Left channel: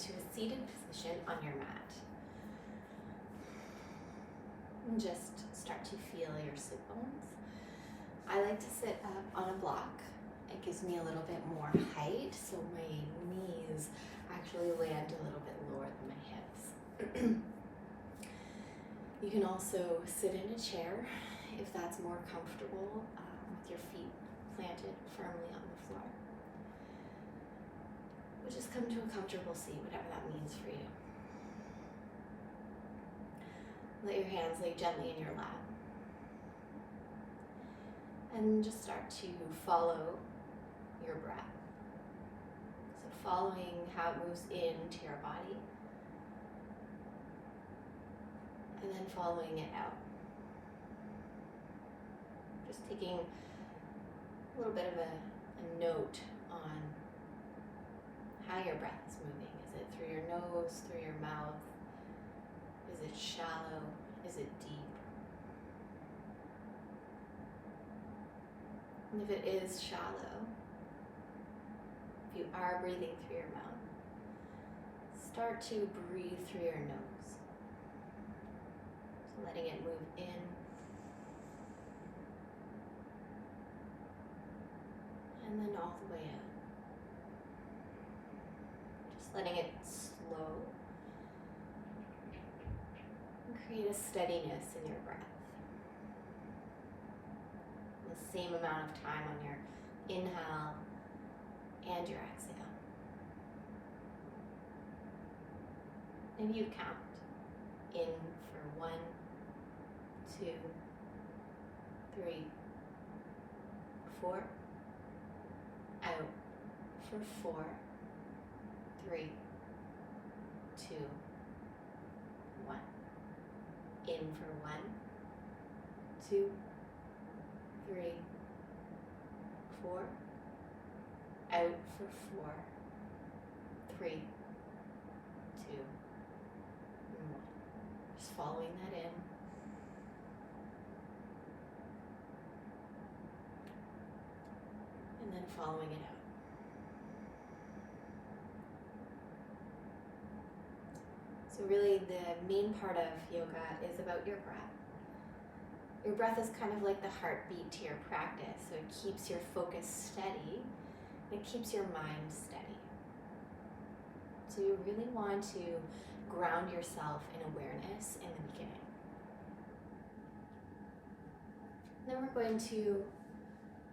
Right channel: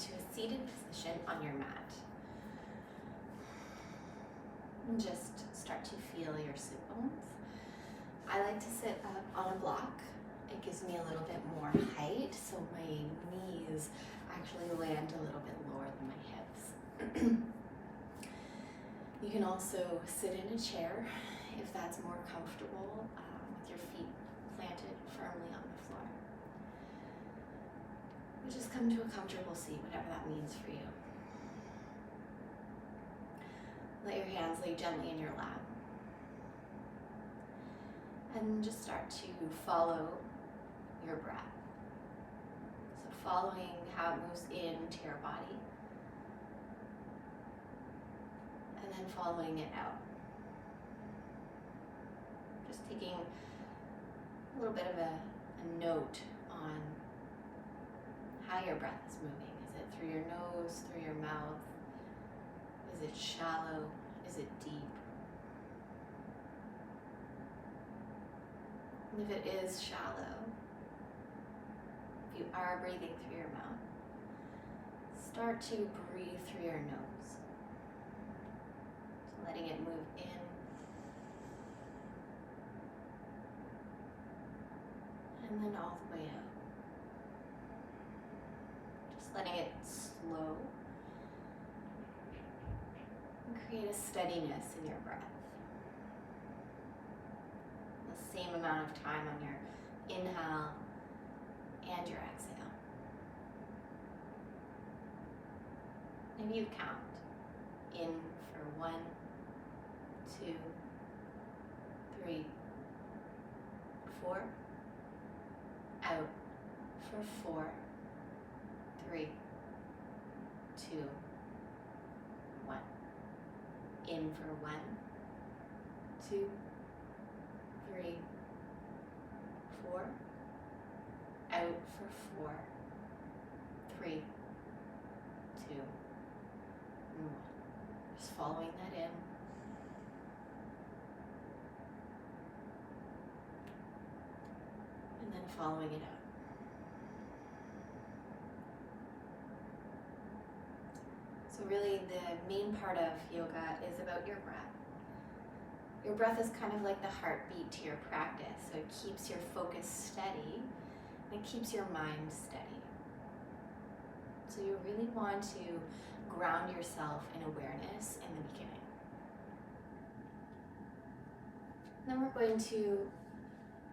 into a seated position on your mat. And just start to feel your sit bones. I like to sit up on a block. It gives me a little bit more height, so my knees actually land a little bit lower than my hips. You can also sit in a chair if that's more comfortable, with your feet planted firmly on the floor. But just come to a comfortable seat, whatever that means for you. Let your hands lay gently in your lap. And just start to follow your breath. So following how it moves into your body, and then following it out. Just taking a little bit of a note on how your breath is moving. Is it through your nose, through your mouth? Is it shallow? Is it deep? And if it is shallow, if you are breathing through your mouth, start to breathe through your nose. So letting it move in and then all the way out. Just letting it slow and create a steadiness in your breath. The same amount of time on your inhale and your exhale. And you count in for 1, 2, 3, 4, out for 4, 3, 2, 1. In for 1, 2, 3, 4, out for 4, 3, 2, 1. Just following that in. And then following it out. So really the main part of yoga is about your breath. Your breath is kind of like the heartbeat to your practice, so it keeps your focus steady and it keeps your mind steady. So you really want to ground yourself in awareness in the beginning. Then we're going to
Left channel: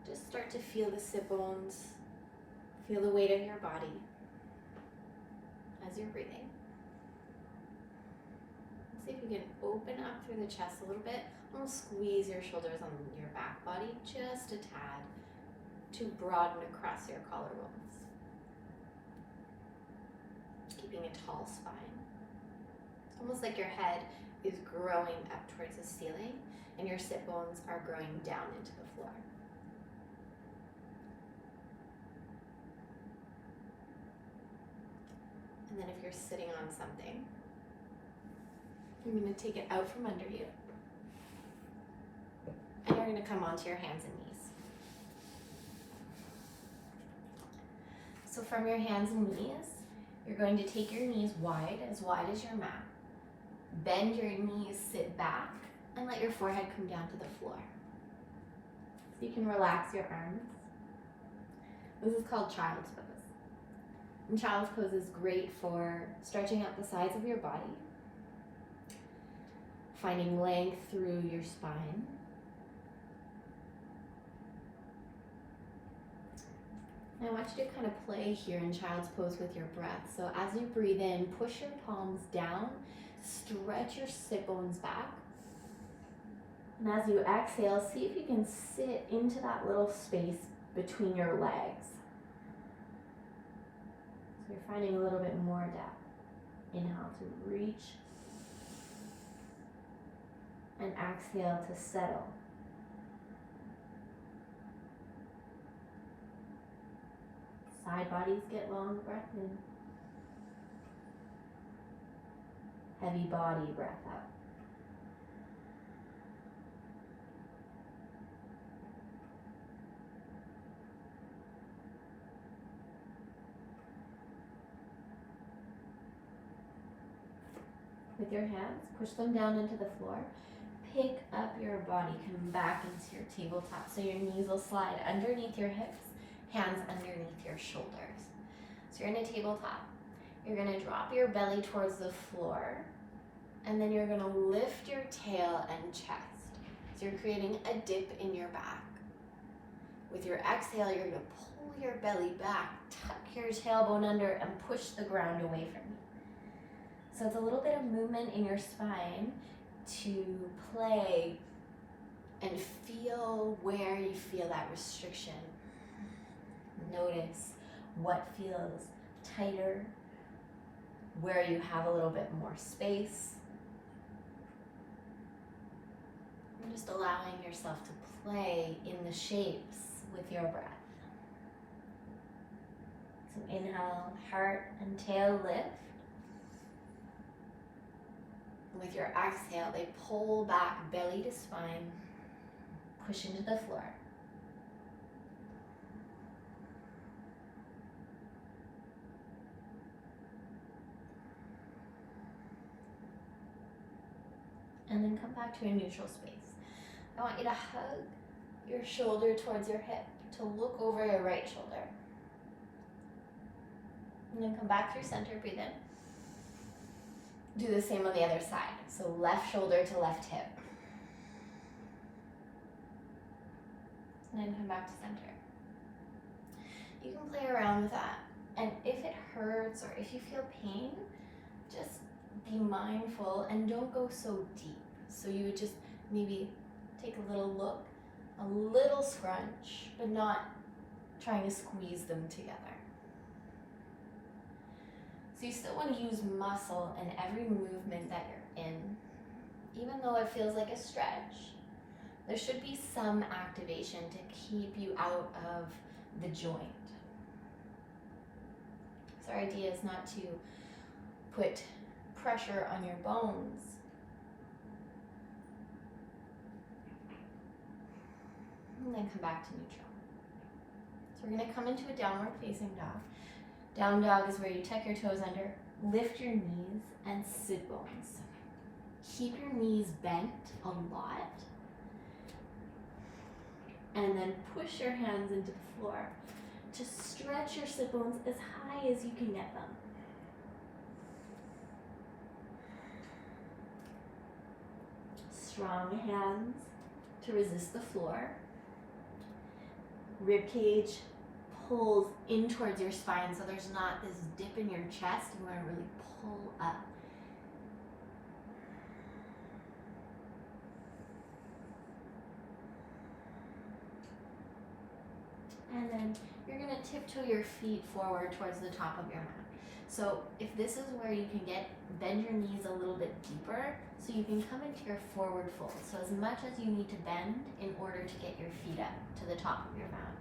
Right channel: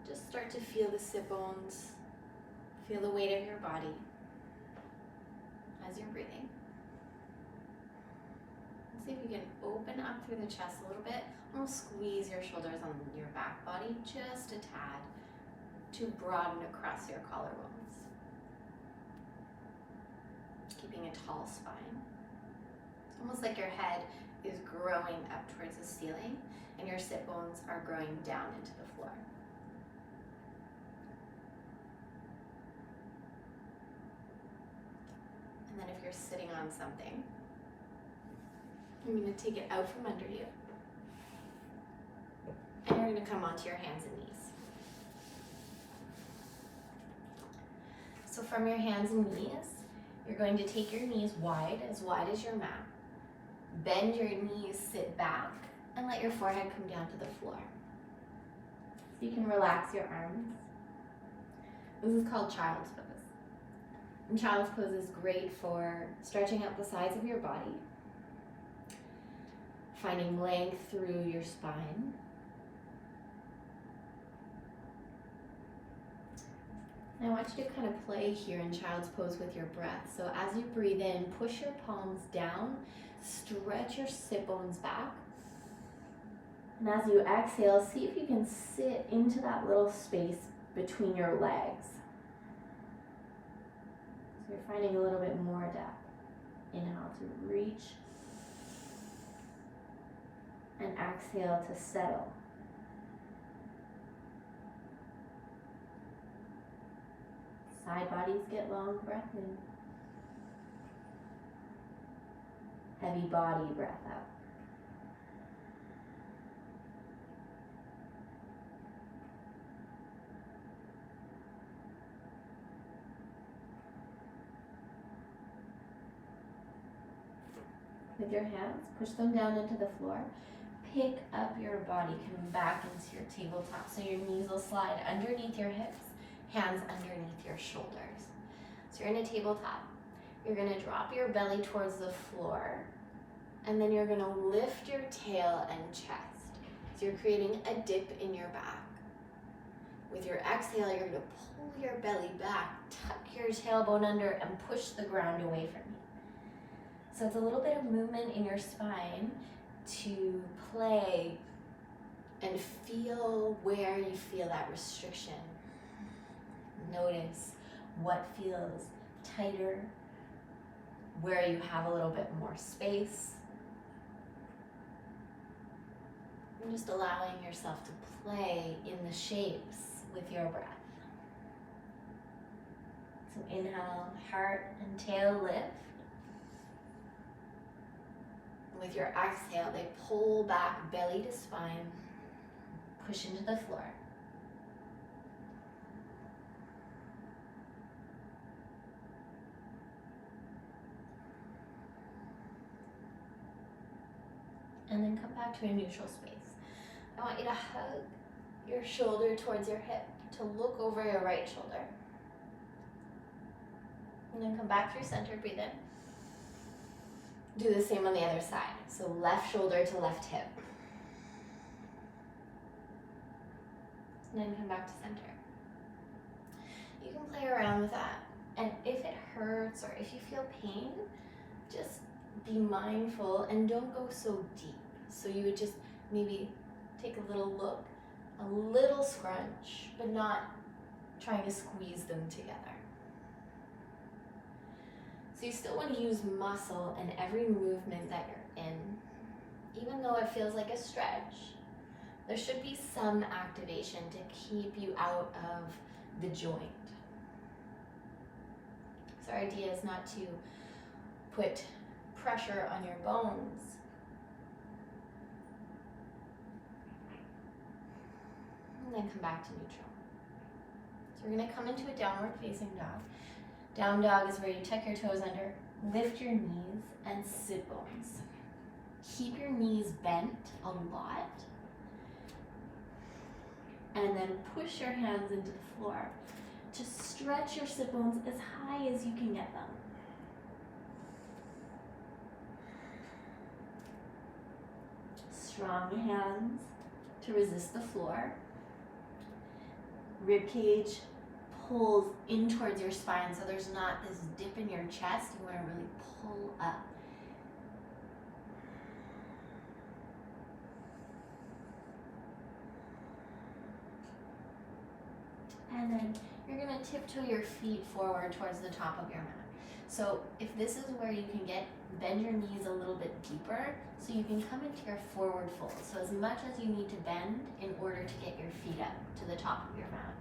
just start to feel the sit bones, feel the weight of your body as you're breathing. See if you can open up through the chest a little bit. Almost squeeze your shoulders on your back body just a tad to broaden across your collarbones. Keeping a tall spine. It's almost like your head is growing up towards the ceiling and your sit bones are growing down into the floor. And then if you're sitting on something, you're going to take it out from under you. And you're going to come onto your hands and knees. So from your hands and knees, you're going to take your knees wide as your mat. Bend your knees, sit back, and let your forehead come down to the floor. So you can relax your arms. This is called child's pose. And child's pose is great for stretching out the sides of your body, finding length through your spine. I want you to kind of play here in child's pose with your breath. So as you breathe in, push your palms down, stretch your sit bones back. And as you exhale, see if you can sit into that little space between your legs. So you're finding a little bit more depth. Inhale to reach. And exhale to settle. Side bodies get long, breath in. Heavy body, breath out. with your hands, push them down into the floor. Pick up your body, come back into your tabletop. So your knees will slide underneath your hips, hands underneath your shoulders. So you're in a tabletop. You're gonna drop your belly towards the floor, and then you're gonna lift your tail and chest. So you're creating a dip in your back. With your exhale, you're gonna pull your belly back, tuck your tailbone under, and push the ground away from you. So it's a little bit of movement in your spine to play and feel where you feel that restriction. Notice what feels tighter, where you have a little bit more space. And just allowing yourself to play in the shapes with your breath. So inhale, heart and tail lift. With your exhale, they pull back, belly to spine, push into the floor. And then come back to a neutral space. I want you to hug your shoulder towards your hip, to look over your right shoulder. And then come back through center, breathe in. Do the same on the other side. So left shoulder to left hip. And then come back to center. You can play around with that. And if it hurts or if you feel pain, just be mindful and don't go so deep. So you would just maybe take a little look, a little scrunch, but not trying to squeeze them together. So you still want to use muscle in every movement that you're in. Even though it feels like a stretch, there should be some activation to keep you out of the joint. So our idea is not to put pressure on your bones, and then come back to neutral. So we're going to come into a downward facing dog. Down dog is where you tuck your toes under, lift your knees, and sit bones. Keep your knees bent a lot, and then push your hands into the floor to stretch your sit bones as high as you can get them. Strong hands to resist the floor. Rib cage pulls in towards your spine, so there's not this dip in your chest. You want to really pull up. And then you're going to tiptoe your feet forward towards the top of your mat. So if this is where you can bend your knees a little bit deeper, so you can come into your forward fold. So as much as you need to bend in order to get your feet up to the top of your mat.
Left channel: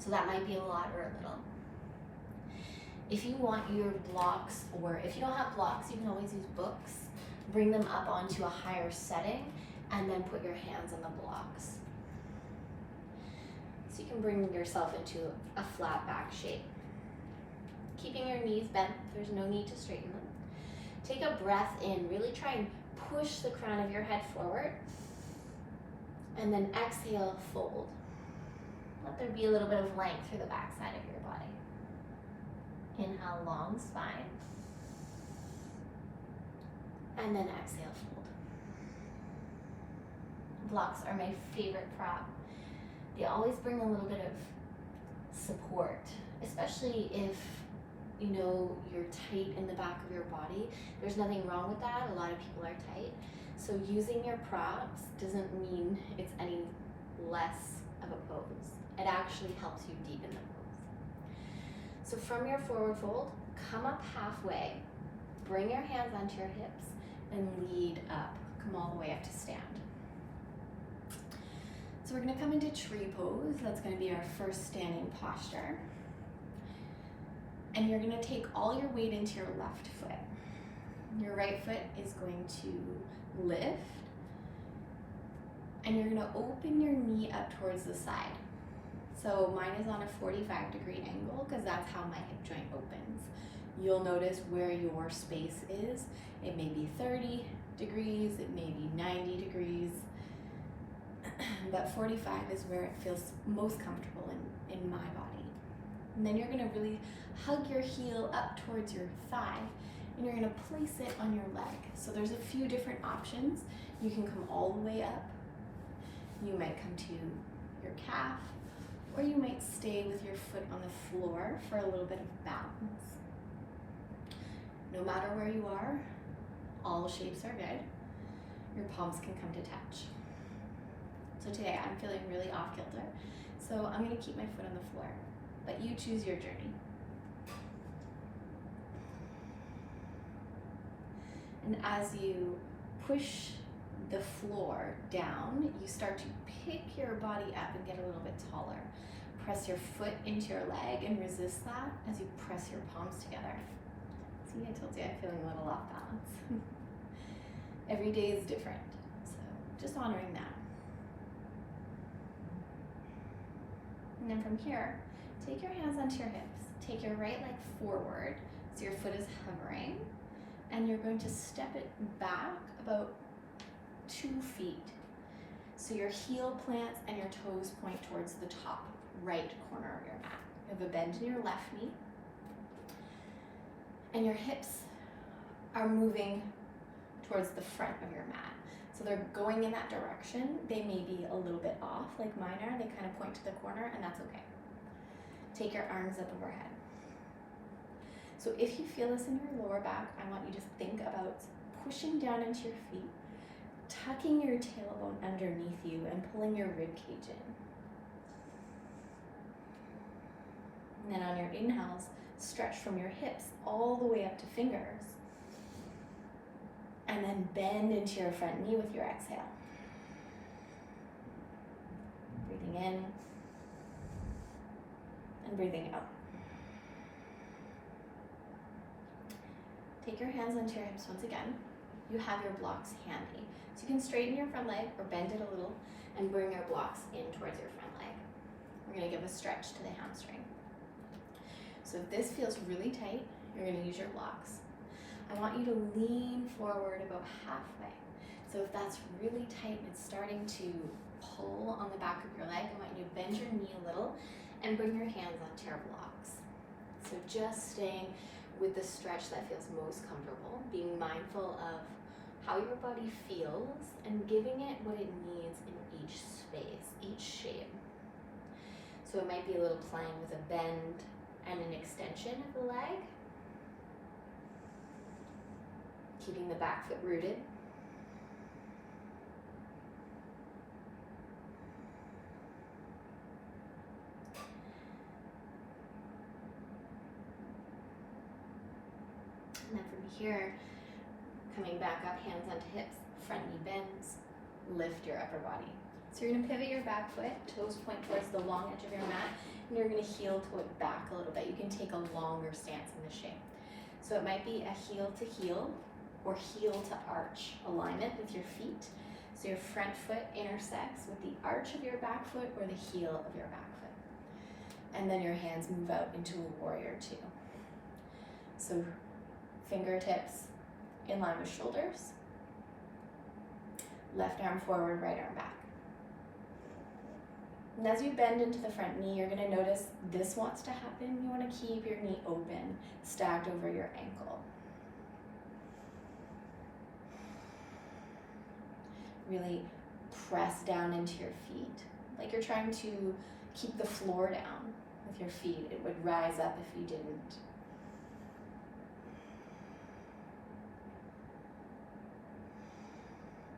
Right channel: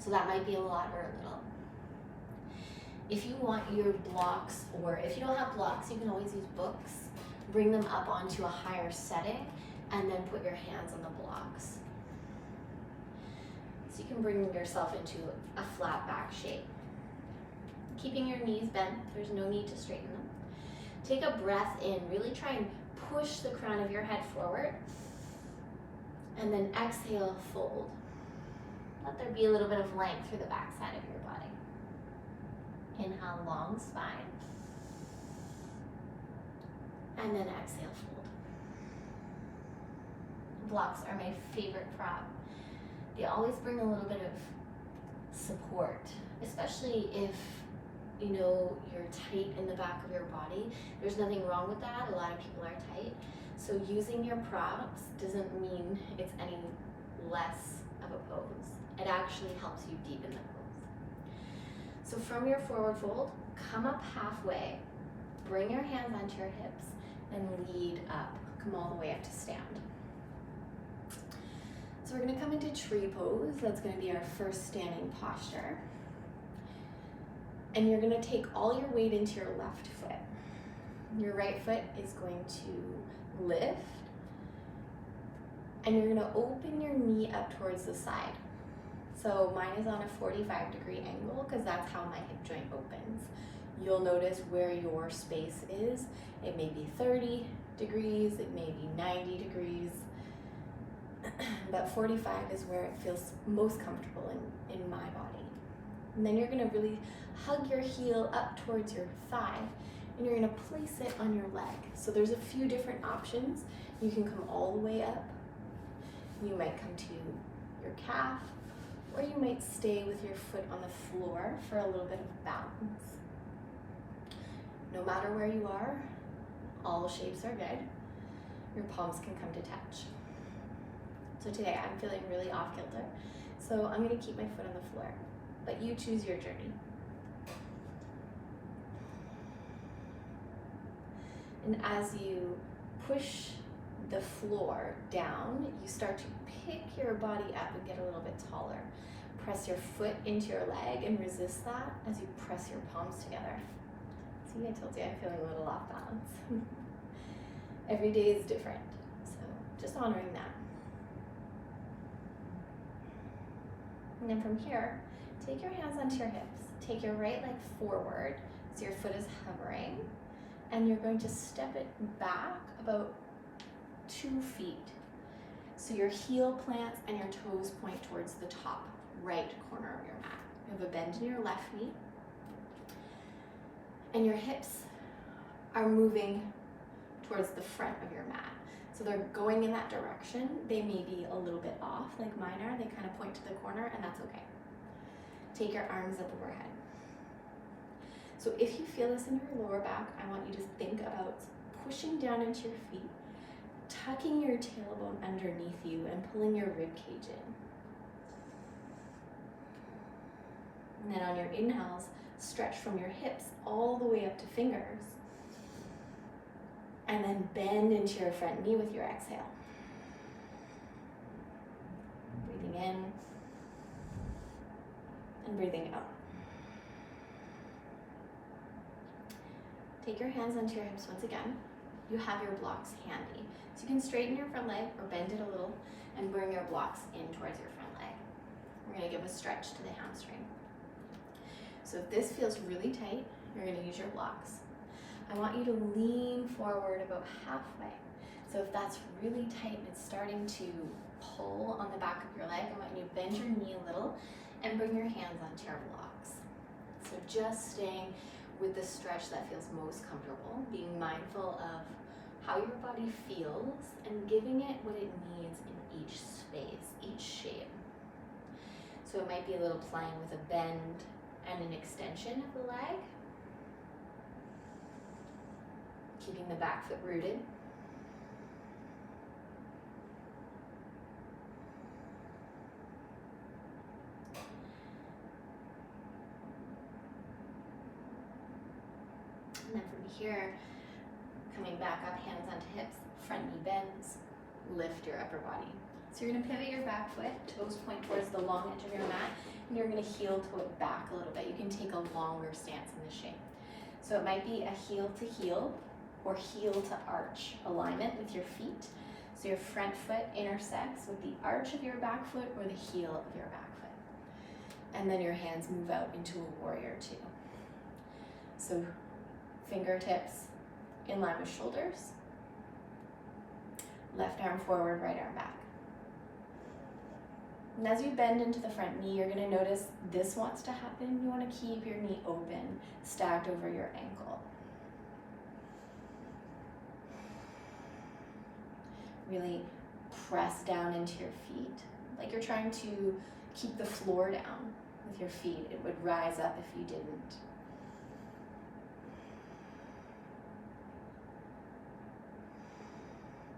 So that might be a lot or a little. If you want your blocks, or if you don't have blocks, you can always use books. Bring them up onto a higher setting, and then put your hands on the blocks. So you can bring yourself into a flat back shape. Keeping your knees bent, there's no need to straighten them. Take a breath in, really try and push the crown of your head forward. And then exhale, fold. Let there be a little bit of length through the back side of your body. Inhale, long spine. And then exhale, fold. Blocks are my favorite prop. They always bring a little bit of support, especially if you're tight in the back of your body. There's nothing wrong with that. A lot of people are tight. So using your props doesn't mean it's any less of a pose. It actually helps you deepen the pose. So from your forward fold, come up halfway, bring your hands onto your hips, and lead up. Come all the way up to stand. So we're going to come into tree pose. That's going to be our first standing posture. And you're going to take all your weight into your left foot. Your right foot is going to lift. And you're going to open your knee up towards the side. So mine is on a 45-degree angle because that's how my hip joint opens. You'll notice where your space is. It may be 30 degrees, it may be 90 degrees, but 45 is where it feels most comfortable in my body. And then you're gonna really hug your heel up towards your thigh, and you're gonna place it on your leg. So there's a few different options. You can come all the way up. You might come to your calf, or you might stay with your foot on the floor for a little bit of balance. No matter where you are, all shapes are good. Your palms can come to touch. So today I'm feeling really off kilter, so I'm gonna keep my foot on the floor, but you choose your journey. And as you push the floor down, you start to pick your body up and get a little bit taller. Press your foot into your leg and resist that as you press your palms together. See, I told you I'm feeling a little off balance. Every day is different, so just honoring that. And then from here, take your hands onto your hips. Take your right leg forward so your foot is hovering, and you're going to step it back about 2 feet. So your heel plants and your toes point towards the top right corner of your mat. You have a bend in your left knee, and your hips are moving towards the front of your mat. So they're going in that direction. They may be a little bit off, like mine are. They kind of point to the corner, and that's okay. Take your arms up overhead. So if you feel this in your lower back, I want you to think about pushing down into your feet, tucking your tailbone underneath you, and pulling your rib cage in. And then on your inhales, stretch from your hips all the way up to fingers. And then bend into your front knee with your exhale. Breathing in and breathing out. Take your hands onto your hips once again. You have your blocks handy. So you can straighten your front leg or bend it a little and bring your blocks in towards your front leg. We're gonna give a stretch to the hamstring. So if this feels really tight, you're gonna use your blocks. I want you to lean forward about halfway. So if that's really tight and it's starting to pull on the back of your leg, I want you to bend your knee a little and bring your hands onto your blocks. So just staying with the stretch that feels most comfortable, being mindful of how your body feels and giving it what it needs in each space, each shape. So it might be a little playing with a bend and an extension of the leg, keeping the back foot rooted. And then from here, coming back up, hands onto hips, front knee bends, lift your upper body. So you're gonna pivot your back foot, toes point towards the long edge of your mat, and you're gonna heel toe it back a little bit. You can take a longer stance in this shape. So it might be a heel to heel or heel to arch alignment with your feet. So your front foot intersects with the arch of your back foot or the heel of your back foot. And then your hands move out into a warrior two. So fingertips in line with shoulders. Left arm forward, right arm back. And as you bend into the front knee, you're gonna notice this wants to happen. You wanna keep your knee open, stacked over your ankle. Really press down into your feet, like you're trying to keep the floor down with your feet. It would rise up if you didn't.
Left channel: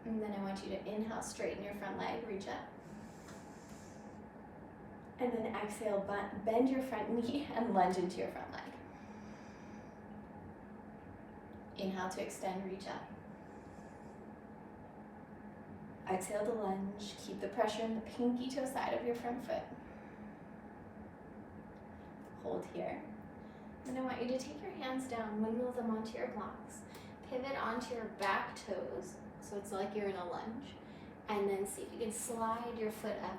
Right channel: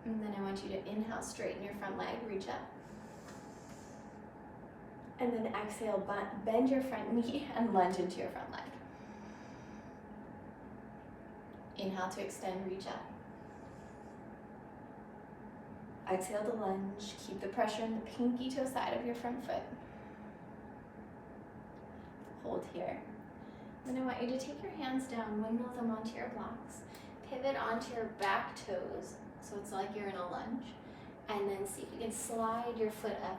And then I want you to inhale, straighten your front leg, reach up. And then exhale, bend your front knee and lunge into your front leg. Inhale to extend, reach up. Exhale to lunge, keep the pressure in the pinky toe side of your front foot. Hold here. Then I want you to take your hands down, windmill them onto your blocks. Pivot onto your back toes, so it's like you're in a lunge. And then see if you can slide your foot up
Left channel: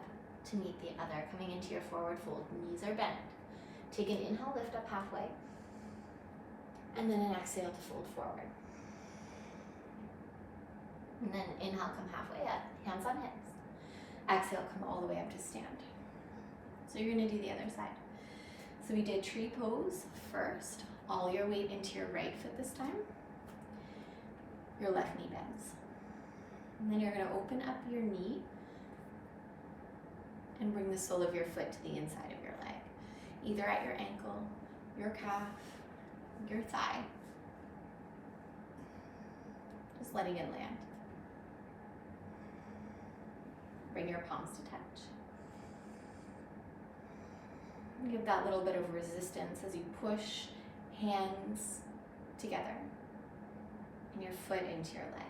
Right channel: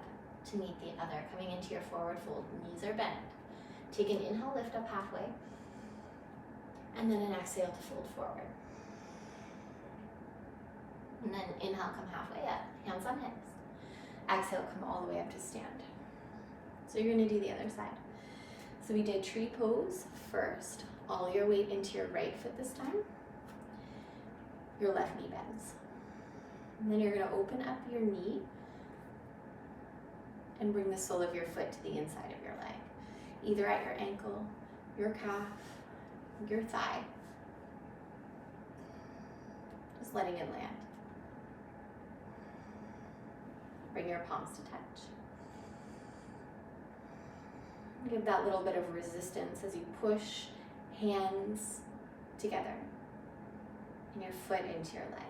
to meet the other, coming into your forward fold. Knees are bent. Take an inhale, lift up halfway. And then an exhale to fold forward. And then inhale, come halfway up, hands on hips. Exhale, come all the way up to stand. So you're gonna do the other side. So we did tree pose first, all your weight into your right foot this time. Your left knee bends. And then you're gonna open up your knee and bring the sole of your foot to the inside of your leg, either at your ankle, your calf, your thigh. Just letting it land. Bring your palms to touch. Give that little bit of resistance as you push hands together and your foot into your leg.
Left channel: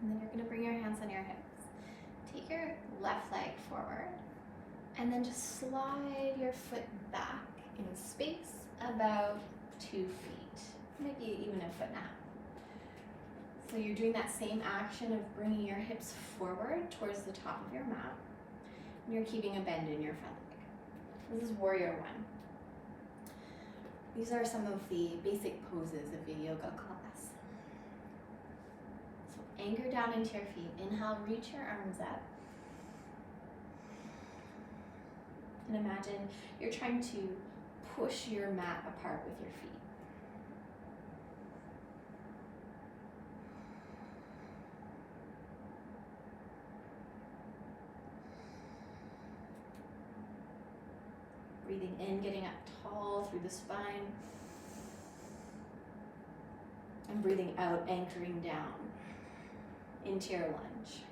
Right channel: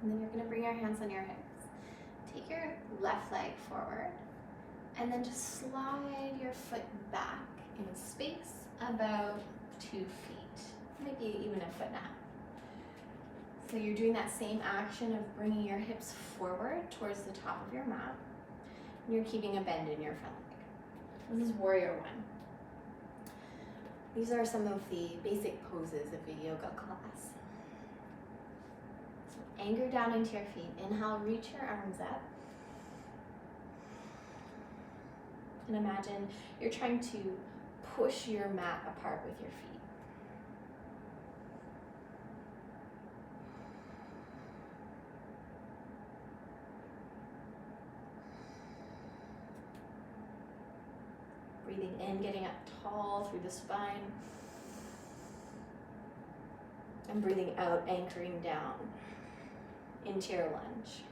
And then you're going to bring your hands on your hips. Take your left leg forward and then just slide your foot back in space about 2 feet, maybe even a foot and a half. So you're doing that same action of bringing your hips forward towards the top of your mat. And you're keeping a bend in your front leg. This is Warrior One. These are some of the basic poses of a yoga class. So anchor down into your feet. Inhale, reach your arms up. And imagine you're trying to push your mat apart with your feet. Breathing in, getting up tall through the spine. And breathing out, anchoring down into your lunge.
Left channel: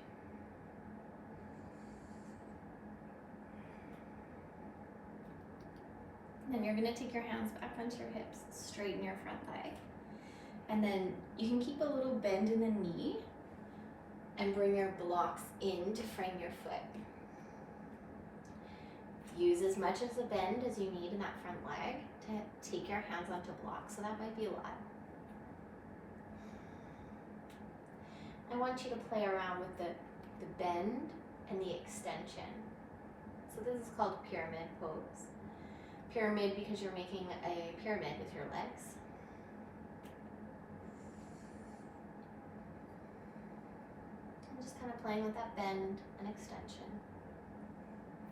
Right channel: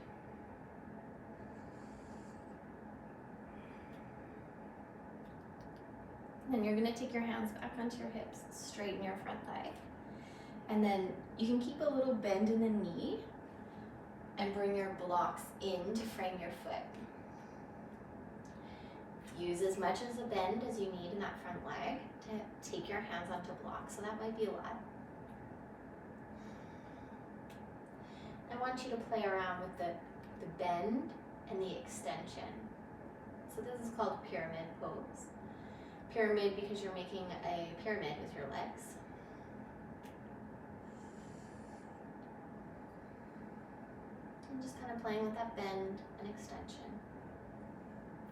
Then you're going to take your hands back onto your hips, straighten your front leg. And then you can keep a little bend in the knee and bring your blocks in to frame your foot. Use as much of the bend as you need in that front leg to take your hands onto blocks, so that might be a lot. I want you to play around with the bend and the extension. So this is called pyramid pose. Pyramid because you're making a pyramid with your legs. I'm just kind of playing with that bend and extension.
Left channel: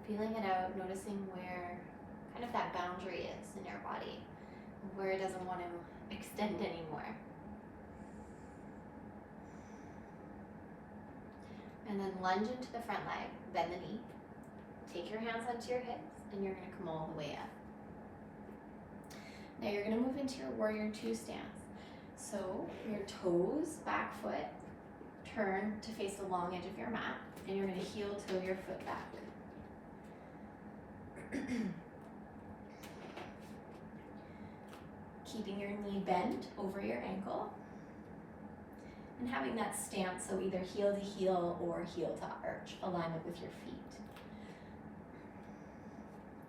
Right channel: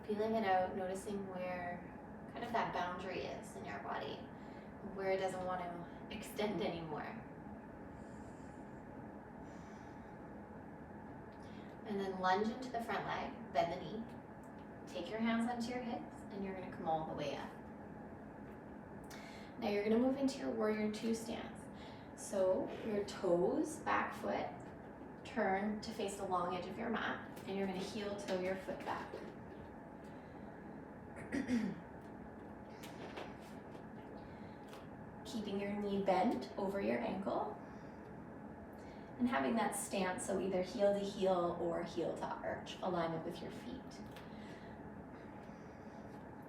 Feeling it out, noticing where kind of that boundary is in your body, where it doesn't want to extend anymore. And then lunge into the front leg, bend the knee. Take your hands onto your hips and you're going to come all the way up. Now you're going to move into your Warrior Two stance. So your toes, back foot, turn to face the long edge of your mat, and you're going to heel toe your foot back. Keeping your knee bent over your ankle and having that stance, so either heel to heel or heel to arch, alignment with your feet.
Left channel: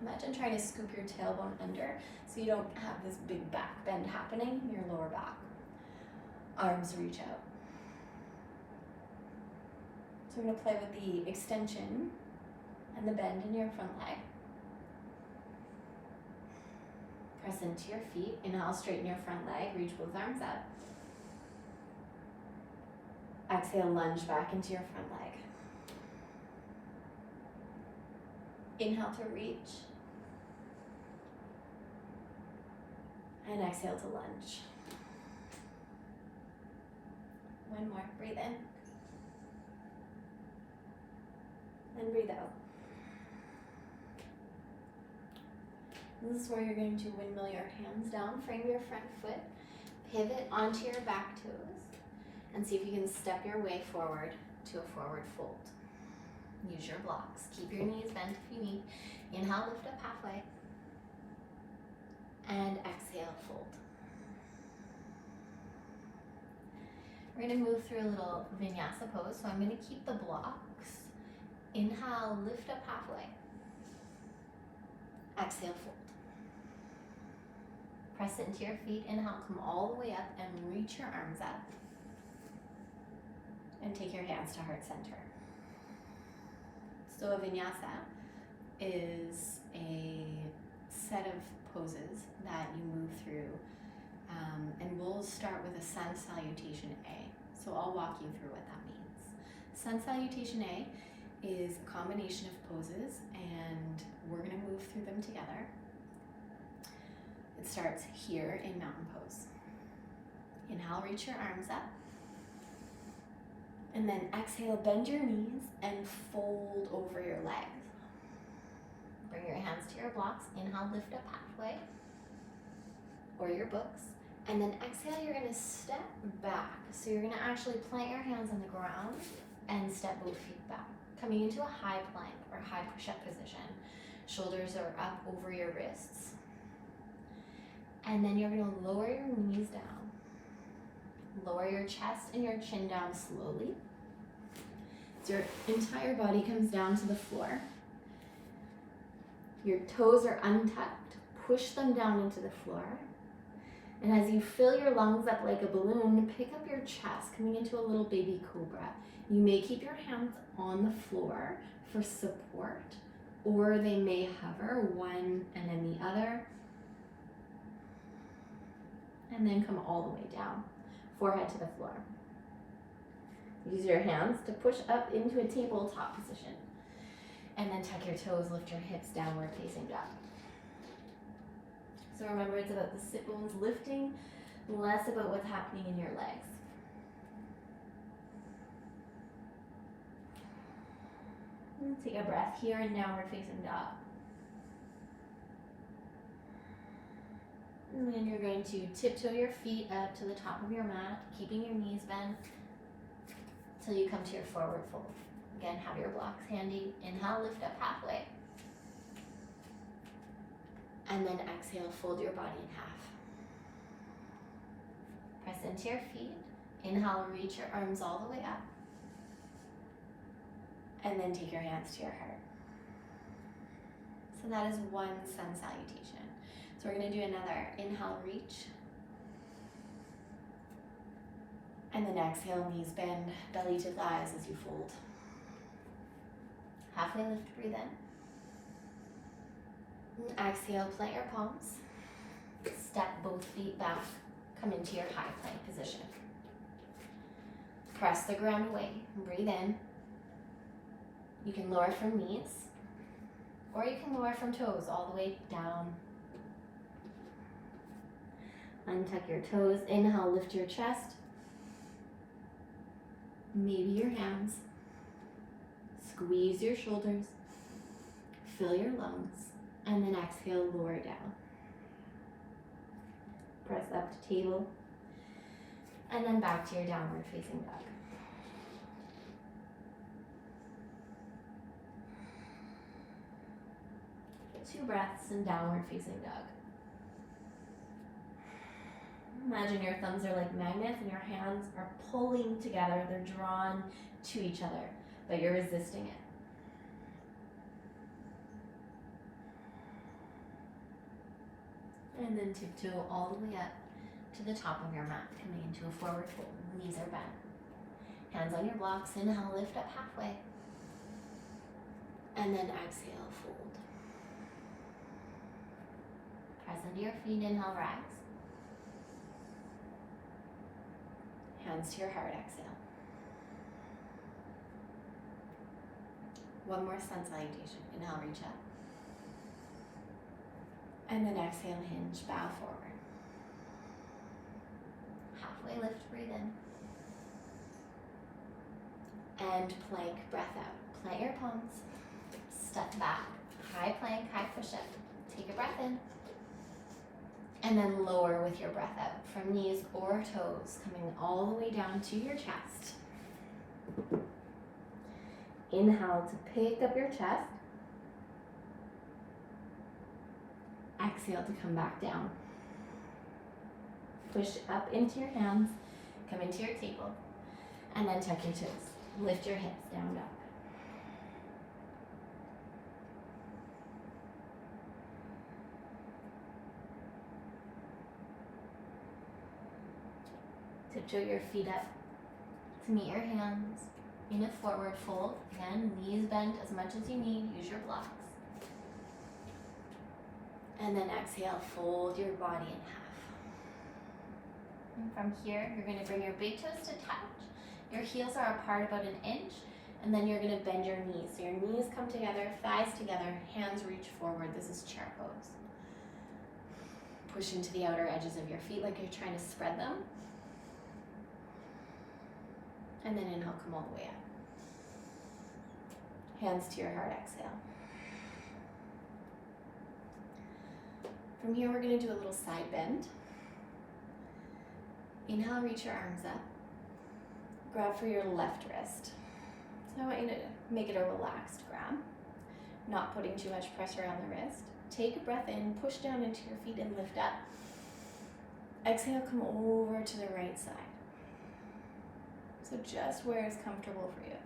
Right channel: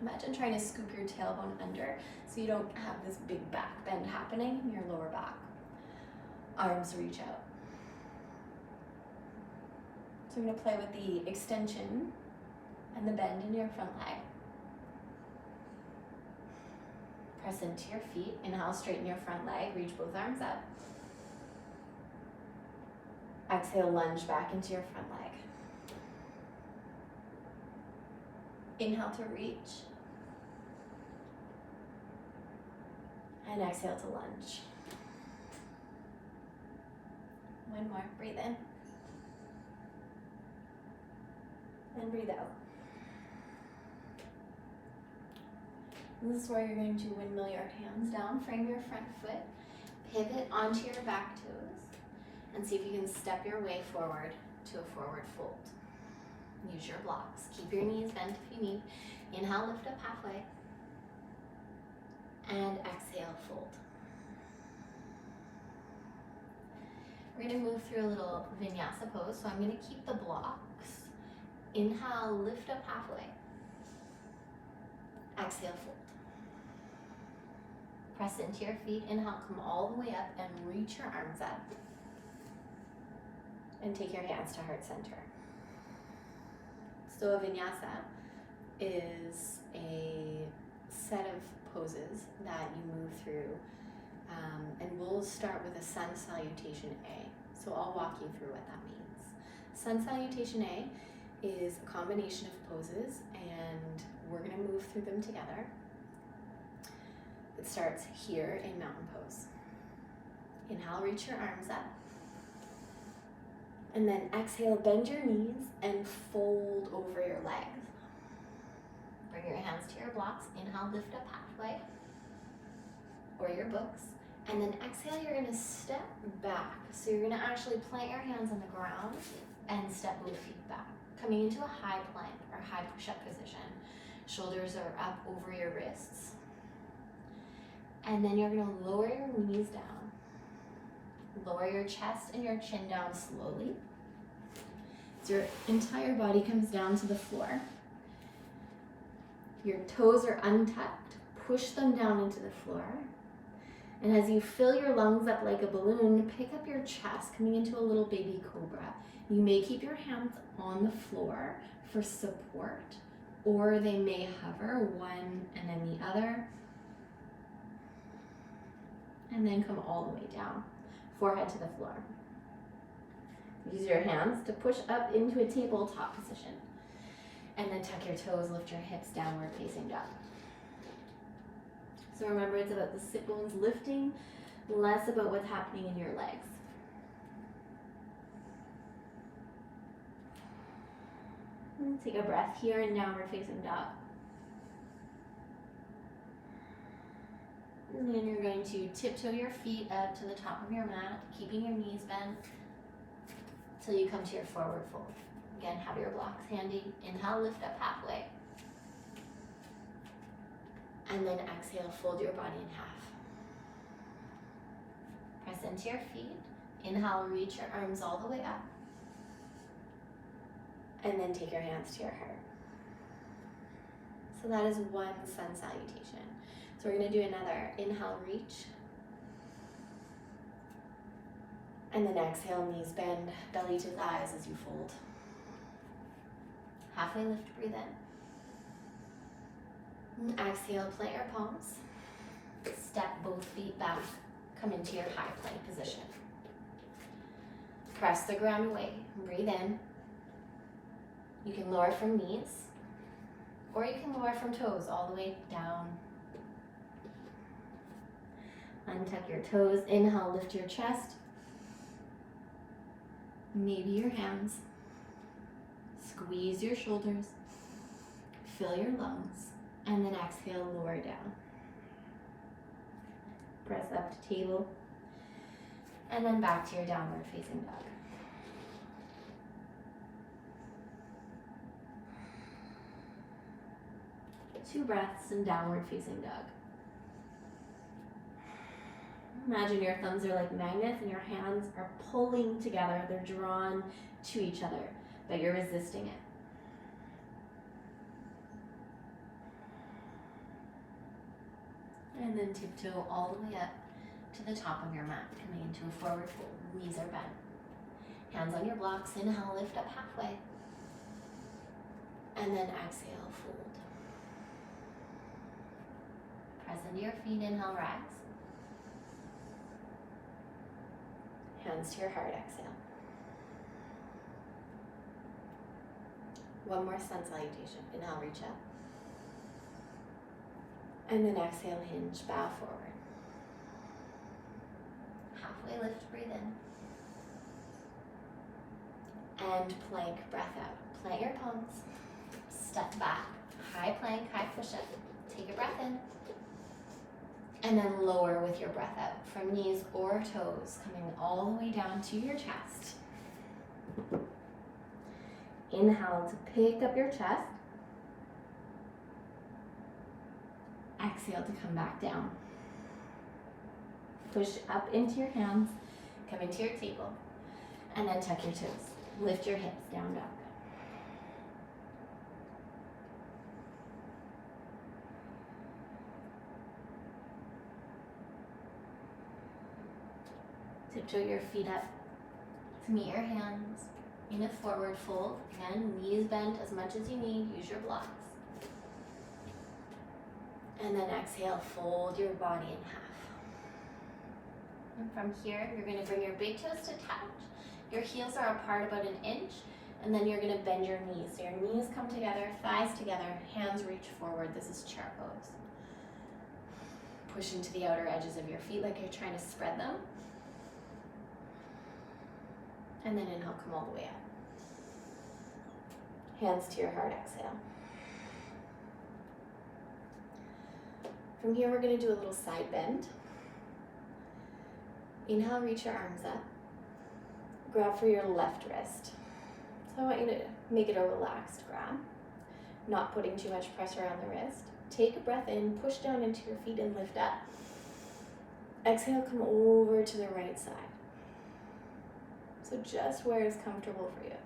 Imagine trying to scoop your tailbone under so you don't have this big back bend happening in your lower back. Arms reach out. So I'm going to play with the extension and the bend in your front leg. Press into your feet. Inhale, straighten your front leg. Reach both arms up. Exhale, lunge back into your front leg. Inhale to reach. And exhale to lunge. One more. Breathe in. And breathe out. This is where you're going to windmill your hands down, frame your front foot, pivot onto your back toes, and see if you can step your way forward to a forward fold. Use your blocks. Keep your knees bent if you need. Inhale, lift up halfway. And exhale, fold. We're going to move through a little vinyasa pose, so I'm going to keep the blocks. Inhale, lift up halfway. Exhale, fold. Press into your feet. Inhale, come all the way up and reach your arms up. and take your hands to heart center. So a vinyasa is a set of poses that you move through, and we'll start with a sun salutation A. So I'll walk you through what that means. Sun salutation A is a combination of poses, and we're going to move through them together. It starts here in mountain pose. Inhale, reach your arms up. And then exhale, bend your knees and fold over your legs. Bring your hands to your blocks. Inhale, lift up halfway, or your books. And then exhale, you're gonna step back. So you're gonna actually plant your hands on the ground and step both feet back, coming into a high plank or high push-up position. Shoulders are up over your wrists. And then you're gonna lower your knees down. Lower your chest and your chin down slowly. So your entire body comes down to the floor. Your toes are untucked. Push them down into the floor. And as you fill your lungs up like a balloon, pick up your chest, coming into a little baby cobra. You may keep your hands on the floor for support, or they may hover one and then the other. And then come all the way down, forehead to the floor. Use your hands to push up into a tabletop position. And then tuck your toes, lift your hips downward facing dog. So remember, it's about the sit bones lifting, less about what's happening in your legs. And take a breath here in downward facing dog. And then you're going to tiptoe your feet up to the top of your mat, keeping your knees bent till you come to your forward fold. Again, have your blocks handy. Inhale, lift up halfway. And then exhale, fold your body in half. Press into your feet. Inhale, reach your arms all the way up. And then take your hands to your heart. So that is one sun salutation. So we're going to do another. Inhale, reach. And then exhale, knees bend, belly to thighs as you fold. Halfway lift, breathe in. And exhale, plant your palms. Step both feet back. Come into your high plank position. Press the ground away. Breathe in. You can lower from knees, or you can lower from toes all the way down. Untuck your toes. Inhale, lift your chest. Maybe your hands. Squeeze your shoulders. Fill your lungs. And then exhale, lower down. Press up to table. And then back to your downward facing dog. Two breaths in downward facing dog. Imagine your thumbs are like magnets and your hands are pulling together. They're drawn to each other, but you're resisting it. And then tiptoe all the way up to the top of your mat, coming into a forward fold. Knees are bent. Hands on your blocks. Inhale, lift up halfway. And then exhale, fold. Press into your feet. Inhale, rise. Hands to your heart, exhale. One more sun salutation. Inhale, reach up. And then exhale, hinge, bow forward. Halfway lift, breathe in. And plank, breath out. Plant your palms. Step back. High plank, high push-up. Take a breath in. And then lower with your breath out from knees or toes, coming all the way down to your chest. Inhale to pick up your chest. Exhale to come back down. Push up into your hands, come into your table, and then tuck your toes. Lift your hips, down dog. Tiptoe your feet up to meet your hands in a forward fold. Again, knees bent as much as you need. Use your blocks. And then exhale, fold your body in half. And from here, you're going to bring your big toes to touch. Your heels are apart about an inch. And then you're going to bend your knees. So your knees come together, thighs together, hands reach forward. This is chair pose. Push into the outer edges of your feet like you're trying to spread them. And then inhale, come all the way up. Hands to your heart, exhale. From here, we're going to do a little side bend. Inhale, reach your arms up. Grab for your left wrist. So I want you to make it a relaxed grab, not putting too much pressure on the wrist. Take a breath in, push down into your feet and lift up. Exhale, come over to the right side. So just where is comfortable for you.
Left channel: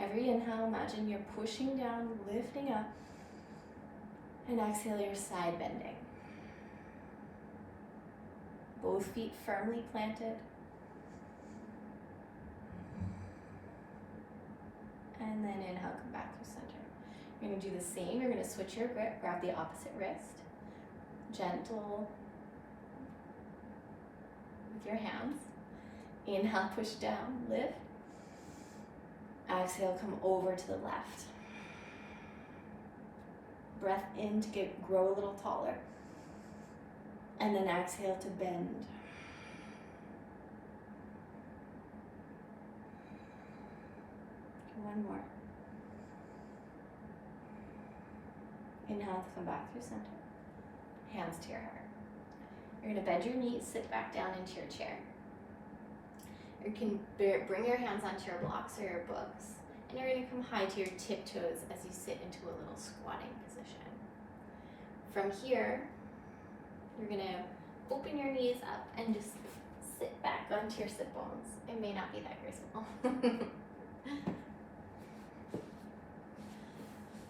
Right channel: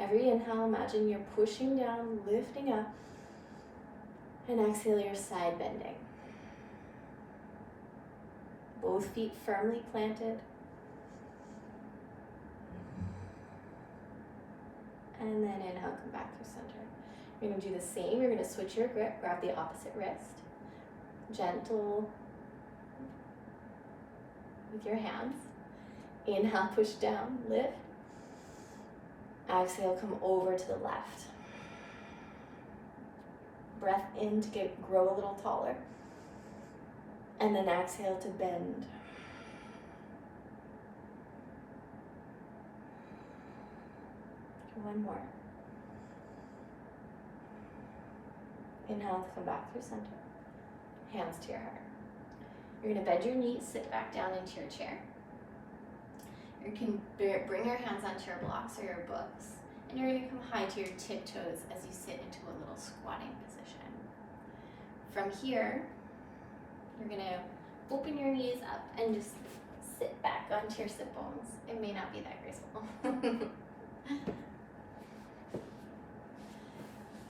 Every inhale, imagine you're pushing down, lifting up, and exhale, you're side bending. Both feet firmly planted. And then inhale, come back through center. You're going to do the same. You're going to switch your grip, grab the opposite wrist. Gentle with your hands. Inhale, push down, lift. Exhale, come over to the left. Breath in to grow a little taller. And then exhale to bend. One more. Inhale to come back through center. Hands to your heart. You're going to bend your knees, sit back down into your chair. You can bring your hands onto your blocks or your books, and you're going to come high to your tiptoes as you sit into a little squatting position. From here, you're going to open your knees up and just sit back onto your sit bones. It may not be that graceful.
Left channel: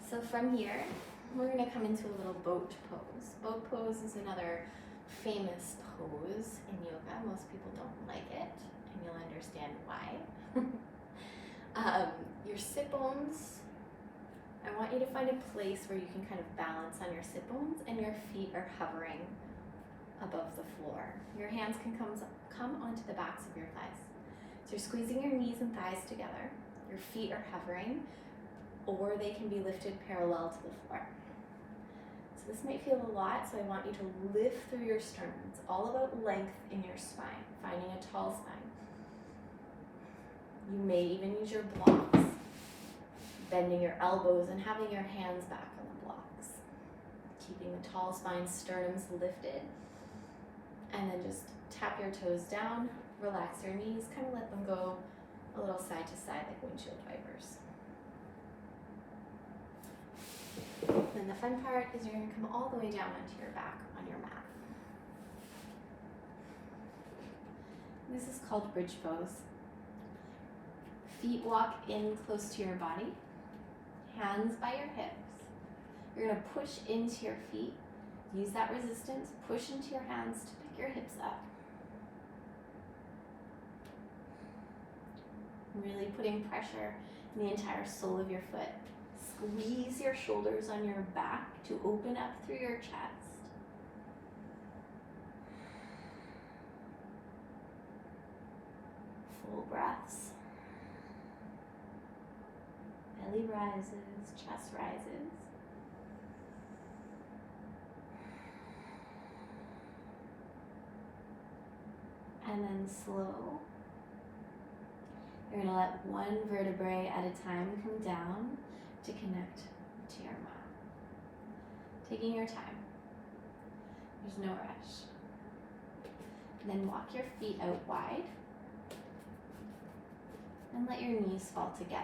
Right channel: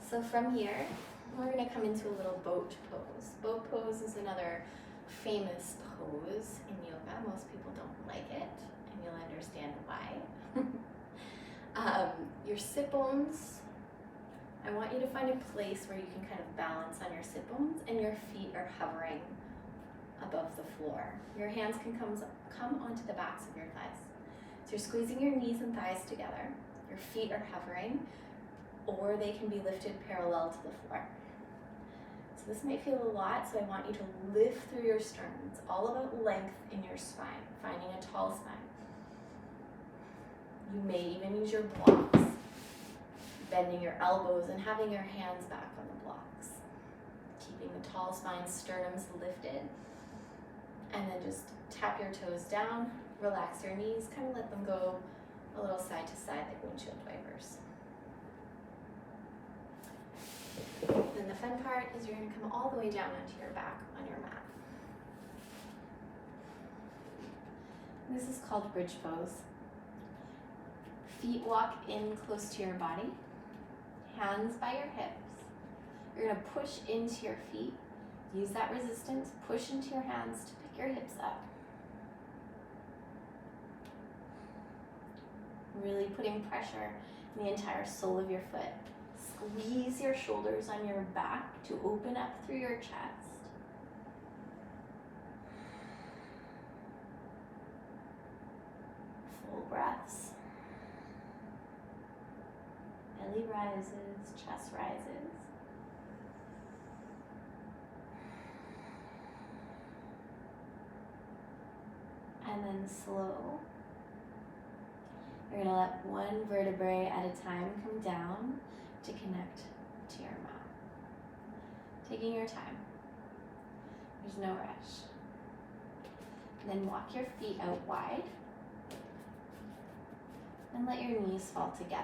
So from here, we're going to come into a little boat pose. Boat pose is another famous pose in yoga. Most people don't like it, and you'll understand why. Your sit bones, I want you to find a place where you can kind of balance on your sit bones and your feet are hovering above the floor. Your hands can come onto the backs of your thighs. So you're squeezing your knees and thighs together. Your feet are hovering, or they can be lifted parallel to the floor. So this might feel a lot, so I want you to lift through your sternum. It's all about length in your spine, finding a tall spine. You may even use your blocks, bending your elbows and having your hands back on the blocks. Keeping the tall spine, sternums lifted. And then just tap your toes down, relax your knees, kind of let them go a little side to side like windshield wipers. Then the fun part is you're going to come all the way down onto your back on your mat. This is called bridge pose. Feet walk in close to your body, hands by your hips. You're going to push into your feet. Use that resistance, push into your hands to pick your hips up. Really putting pressure in the entire sole of your foot. Squeeze your shoulders on your back to open up through your chest. Full breaths. Belly rises, chest rises. And then slow. You're going to let one vertebrae at a time come down to connect to your mat. Taking your time. There's no rush. And then walk your feet out wide. And let your knees fall together.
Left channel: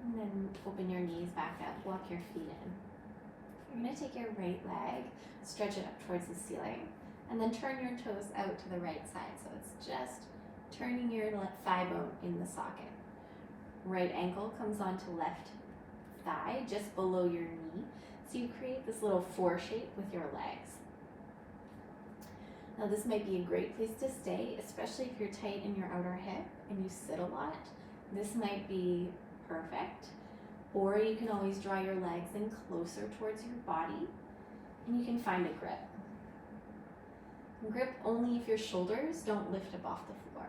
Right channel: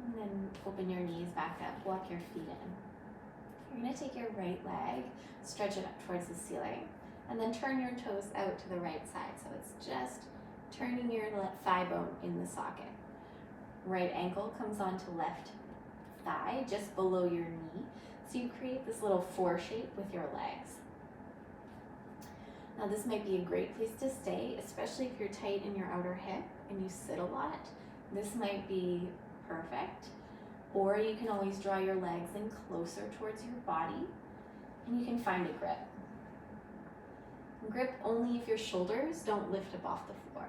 And then open your knees back up, walk your feet in. We're going to take your right leg, stretch it up towards the ceiling, and then turn your toes out to the right side. So it's just turning your left thigh bone in the socket. Right ankle comes onto left thigh, just below your knee. So you create this little 4 shape with your legs. Now this might be a great place to stay, especially if you're tight in your outer hip and you sit a lot. This might be perfect. Or you can always draw your legs in closer towards your body and you can find a grip. Grip only if your shoulders don't lift up off the floor.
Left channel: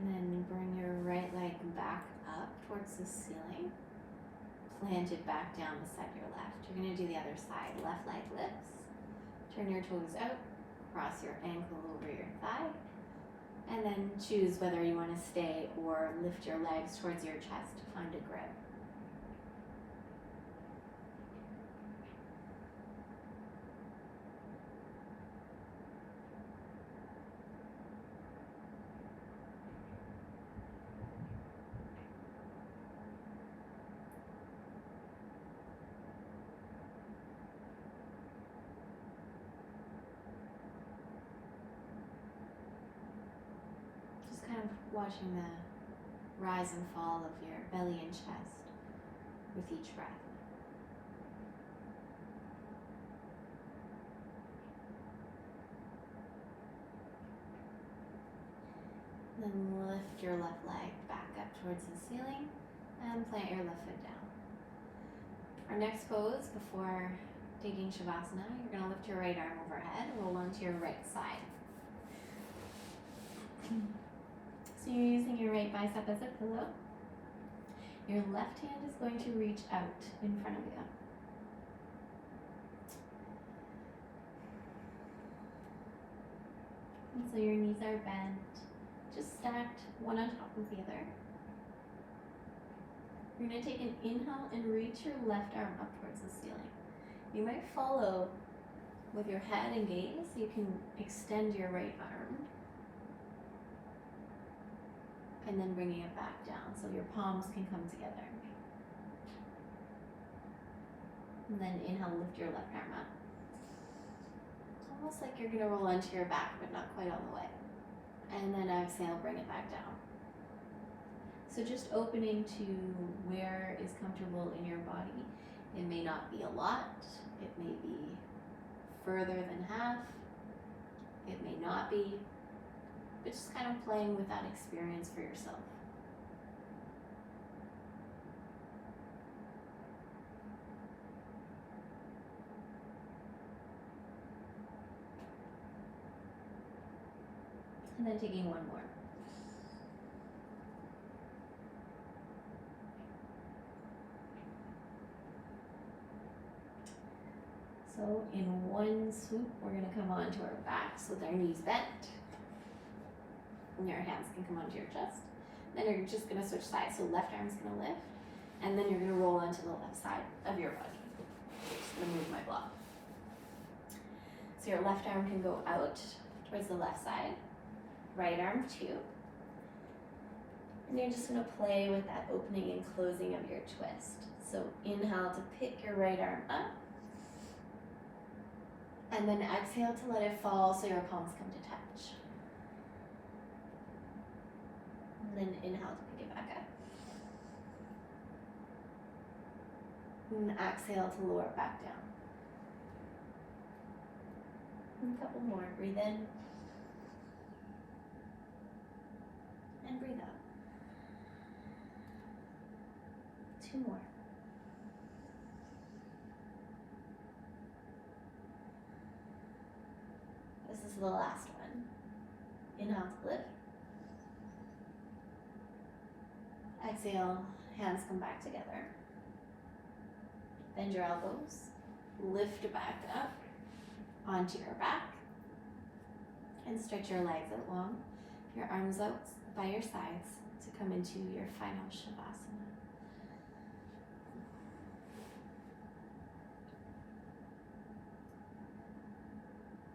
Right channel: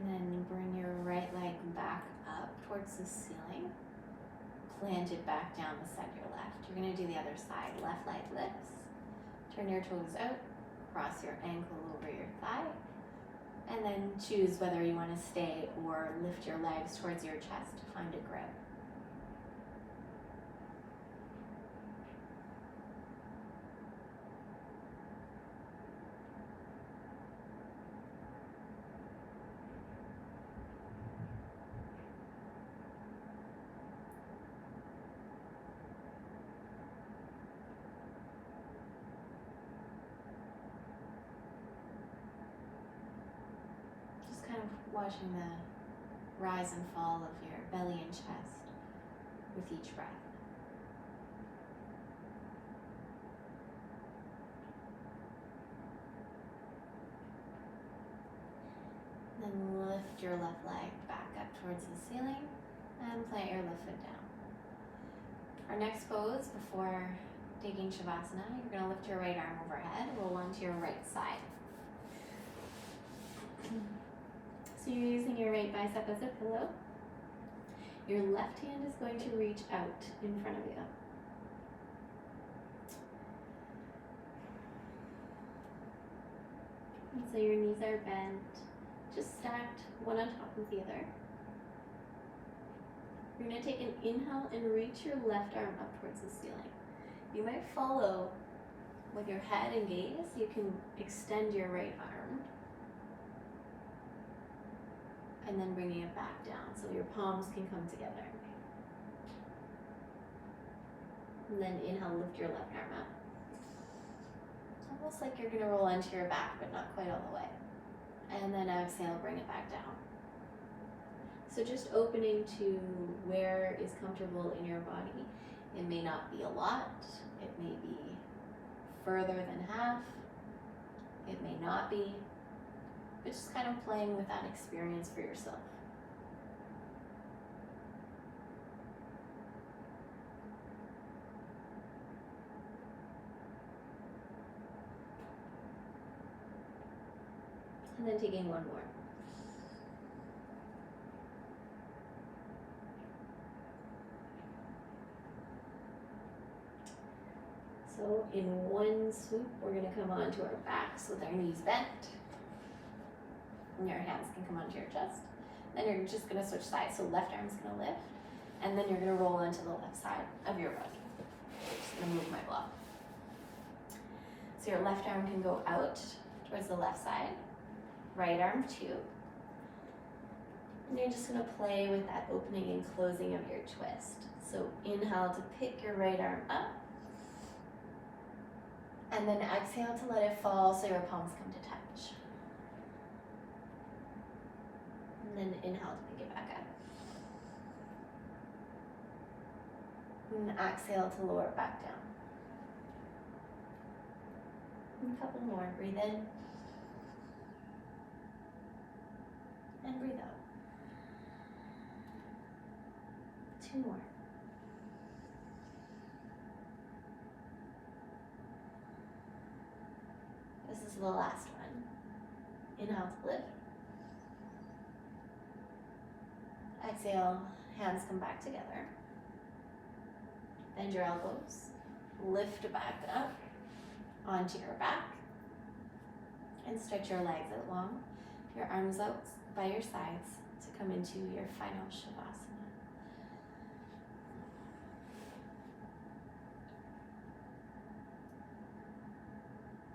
And then bring your right leg back up towards the ceiling. Plant it back down beside your left. You're going to do the other side. Left leg lifts. Turn your toes out. Cross your ankle over your thigh. And then choose whether you want to stay or lift your legs towards your chest to find a grip. Kind of watching the rise and fall of your belly and chest with each breath. Then lift your left leg back up towards the ceiling and plant your left foot down. Our next pose before taking Shavasana, you're going to lift your right arm overhead, roll onto your right side. So you're using your right bicep as a pillow. Your left hand is going to reach out in front of you. And so your knees are bent, just stacked one on top of the other. You're going to take an inhale and reach your left arm up towards the ceiling. You might follow with your head and gaze. You can extend your right arm. And then bringing it back down so your palms can come together. And then inhale, lift your left arm up. Almost like you're going to roll onto your back, but not quite all the way. And then exhale, bring it back down. So just opening to where is comfortable in your body. It may not be a lot. It may be further than half. It may not be. But just kind of playing with that experience for yourself. And then taking one more. So in one swoop, we're going to come onto our backs with our knees bent. And your hands can come onto your chest. Then you're just going to switch sides. So left arm's going to lift. And then you're going to roll onto the left side of your body. Just going to move my block. So your left arm can go out towards the left side. Right arm too. And you're just going to play with that opening and closing of your twist. So inhale to pick your right arm up. And then exhale to let it fall so your palms come to touch. And then inhale to pick it back up. And exhale to lower it back down. And a couple more. Breathe in. And breathe out. 2 more. This is the last one. Inhale to lift. Exhale, hands come back together. Bend your elbows, lift back up onto your back, and stretch your legs out long, your arms out by your sides to come into your final Shavasana.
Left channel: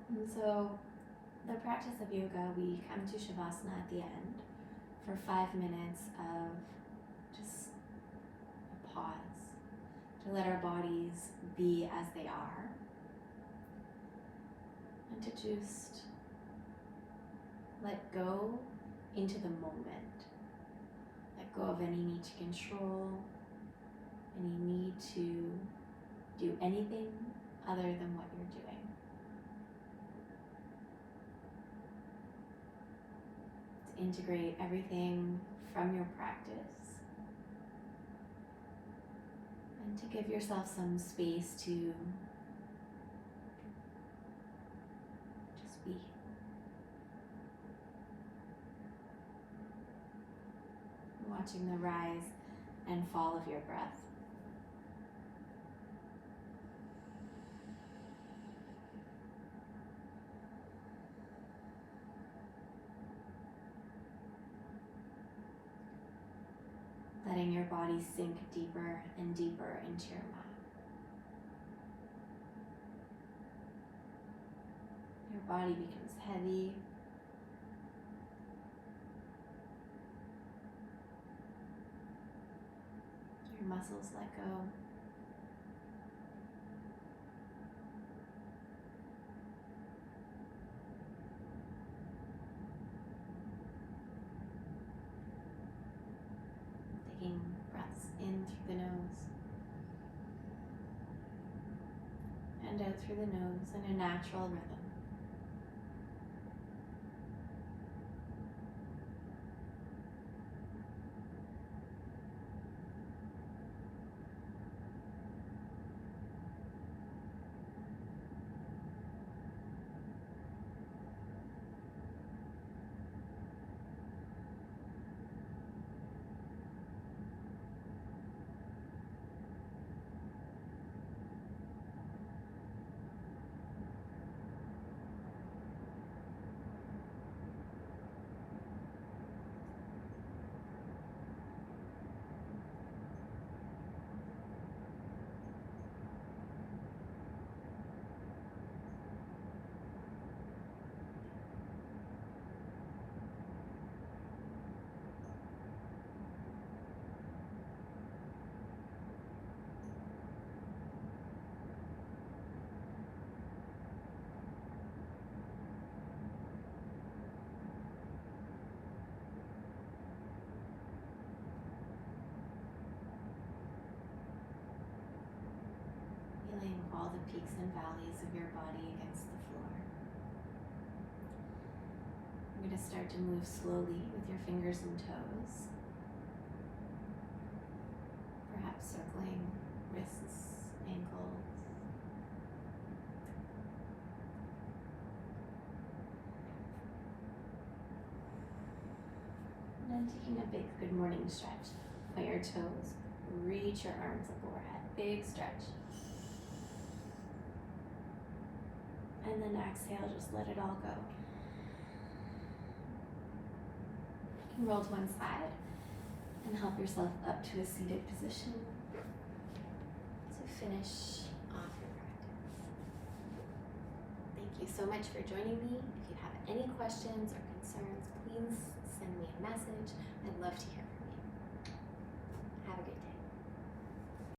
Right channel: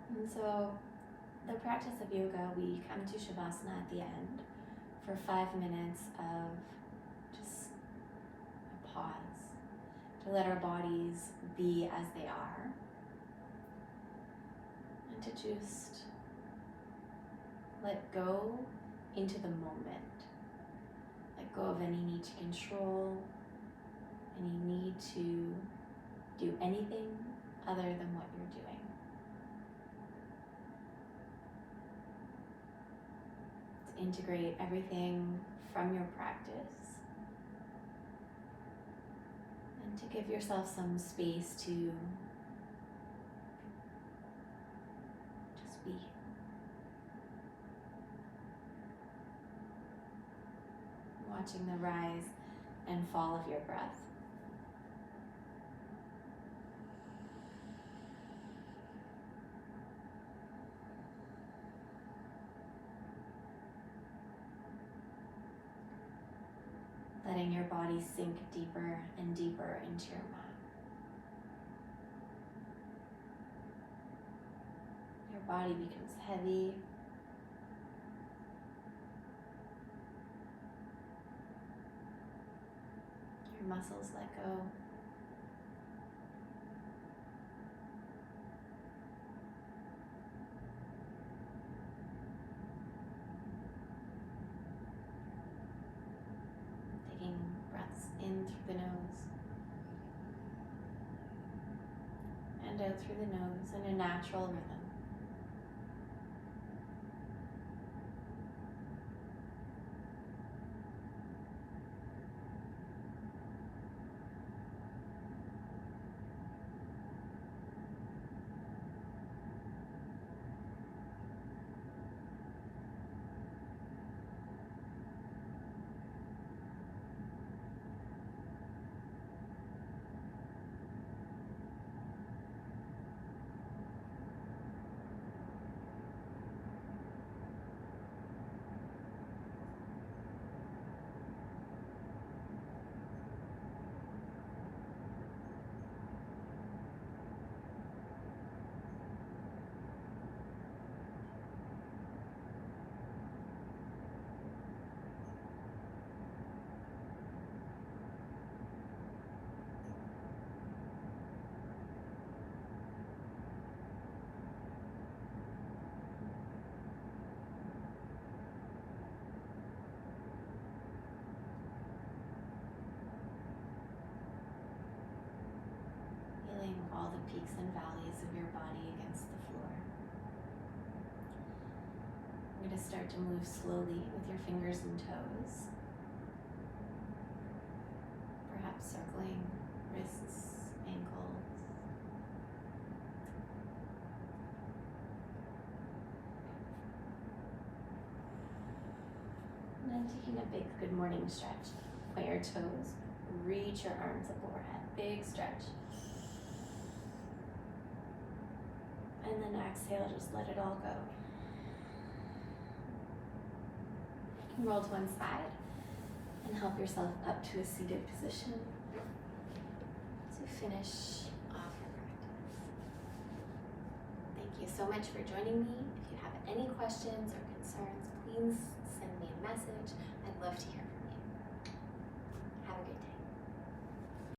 And so the practice of yoga, we come to Shavasana at the end for 5 minutes of just a pause to let our bodies be as they are and to just let go into the moment. Let go of any need to control, any need to do anything other than what you're doing. To integrate everything from your practice and to give yourself some space to just be. Watching the rise and fall of your breath. Letting your body sink deeper and deeper into your mat. Your body becomes heavy. Your muscles let go. Taking breaths in through the nose and out through the nose in a natural rhythm. Feeling all the peaks and valleys of your body against the floor. I'm going to start to move slowly with your fingers and toes. Perhaps circling wrists, ankles. And then taking a big good morning stretch. Point your toes, reach your arms up overhead. Big stretch. And then exhale, just let it all go. You can roll to one side and help yourself up to a seated position to finish off your practice. Thank you so much for joining me. If you have any questions or concerns, please